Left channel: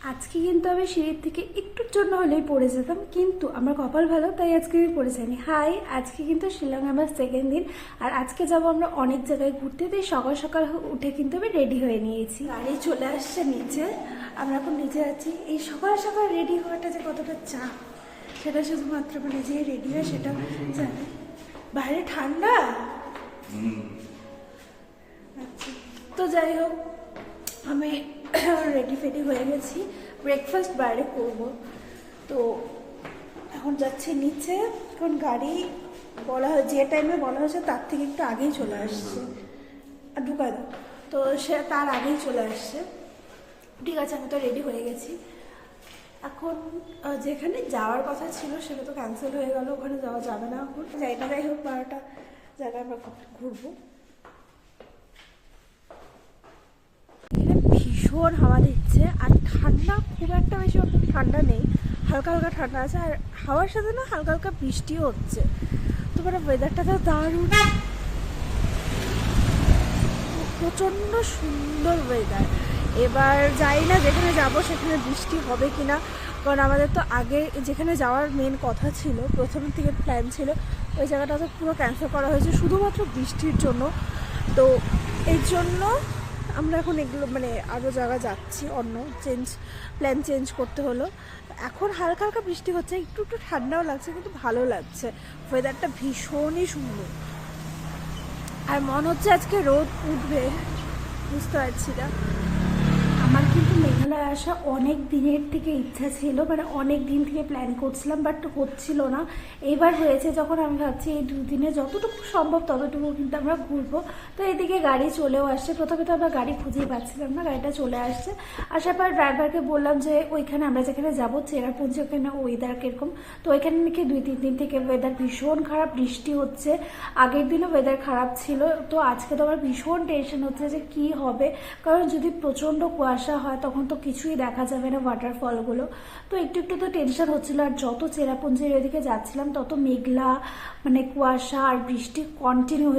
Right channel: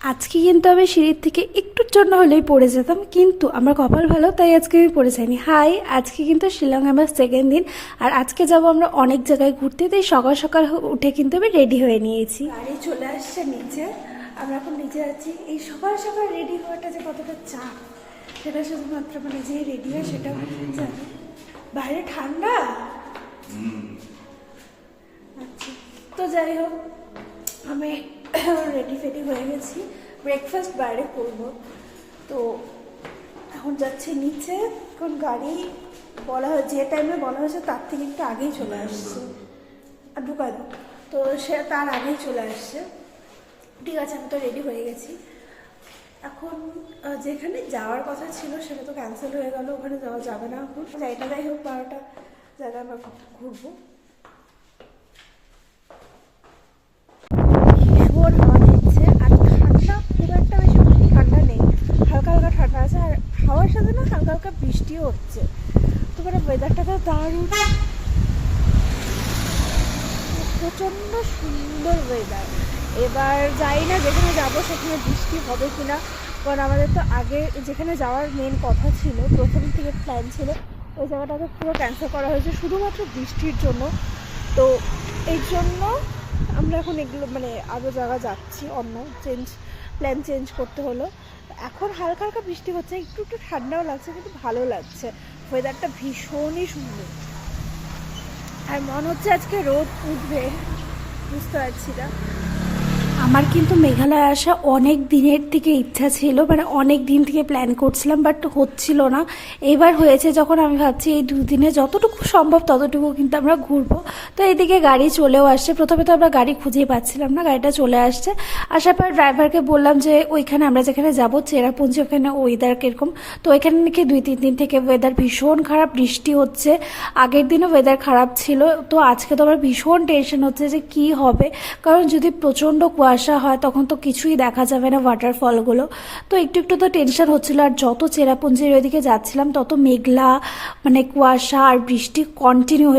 আজকে কিন্তু আমি সিঁড়ির থেকে একটুর জন্য হলেই পড়ে যেতাম, কিন্তু আমার কপাল ভালো, তাই আজকে আমি পড়ে যাইনি। হাই, আজকে কিন্তু শিলং আমার সেকেন্ড দিন, আর আজকে যাব আমরা অনেক জায়গায় ঘুরতে। তাই সকাল সকাল উঠে কিন্তু আমি রেডি হয়ে নিয়েছি। গাড়ি চলে আসছে নিচে, আমরা এখন নিচে আছি। এই সকাল সকাল রেডি হওয়াটা যে কতটা চাপ, সেটা শুধুমাত্র মানে যে রেডি হয় সেটা জানে। বাইরে ঠান্ডা। আচ্ছা, তো যাই হোক, আমি রেডি ফেডি হয়ে গেছি, ব্রেকফাস্ট বাইরে করবো। তো এখন যাচ্ছি নিচে। এখন গাড়ি বলা হয় যে টাইমে বলা হয়েছে তার থেকে একটু আগেই চলে আসছে, আর ঢুকায় দাও, তো সে তার আগেই চলে আসছে। ঠিক আছে, আমি তো রেডি হয়ে গেছি। এখন যেখানে যাওয়ার কথা ছিল সেটা তো ক্যান্সেল হয়ে গেল, ওখানে যাওয়া যাবে না এখন। যাই হোক, 12টা জায়গায় আমরা ঘুরবো। ভীষণ হাওয়া দিচ্ছে, আর ঠান্ডা খুব একটা বেশি ঠান্ডা নেই, হালকা হালকা ঠান্ডা আছে, আর হাওয়ার সাথে না হালকা হালকা বৃষ্টিও হচ্ছে। তো মানে ওয়েদারটা তো দারুণ, প্রচণ্ড সুন্দর ওয়েদার। এবার যাই না যেখানে যাব সেখানে বৃষ্টি হবে কিনা, কারণ আমাদের তো আগে যেখানে যাওয়ার মেন কথা ছিল, প্রথম থেকে প্ল্যান ছিল, ওই জায়গাটা তো পুরো ক্যান্সেল করা হয়েছে শুধুমাত্র বৃষ্টির জন্য। তো এই জন্য আমরা এখন এগুলো মানে আরও জায়গা যাচ্ছি, অন্য প্ল্যান চেঞ্জ করতে হলো। এখন হালকা হালকা বৃষ্টি হচ্ছে, একটু একটু ঠান্ডাও লাগছে, কিন্তু ভালো লাগছে, ওয়েদারটা ভীষণই সুন্দর। আর মনে হচ্ছে আজকে রোদ উঠবে, বুঝতে পারছি না। আমার কিন্তু মেঘালয় আসা অনেক দিনের থেকে ইচ্ছা ছিল, মানে অনেক দিন থেকে প্ল্যান করছিলাম, বাট হচ্ছিল না। এবার হয়েছে যখন, আমি ভাবছি এই দুদিনে যতটুকু সম্ভব ততটুকু কিন্তু আমরা ঘুরবো। তো এদিকে গাড়ি চলেও আসছে। প্রথমে তো আমরা গাড়ি খুঁজেই পাচ্ছিলাম না, গাড়িটা চলে আসছে। আসার পর ড্রাইভারকে বললাম যে ওইখানে আমরা যেখানে যাবো চেরাপুঞ্জি, ওখানে ওয়েদার কীরকম। তো ওইখানে নাকি 2-3 দিন থেকে ওয়েদার ভীষণ খারাপ, বৃষ্টি হচ্ছে। আগের দিনও ওয়েদার খারাপ ছিল। তো আজকে তো আমার ভীষণ টেনশন হচ্ছে যে কি হবে, কারণ যদি প্রচণ্ড কুয়াশা হয় তখন তো কিছুই দেখা যাবে না, ওয়াটারফলগুলো। তো একটু একটু তো টেনশন হচ্ছিল। আর যত চেরাপুঞ্জির ওইদিকে যাচ্ছিলাম তত মেঘলা, মানে কুয়াশা আর বৃষ্টি কন্টিনিউ হয়ে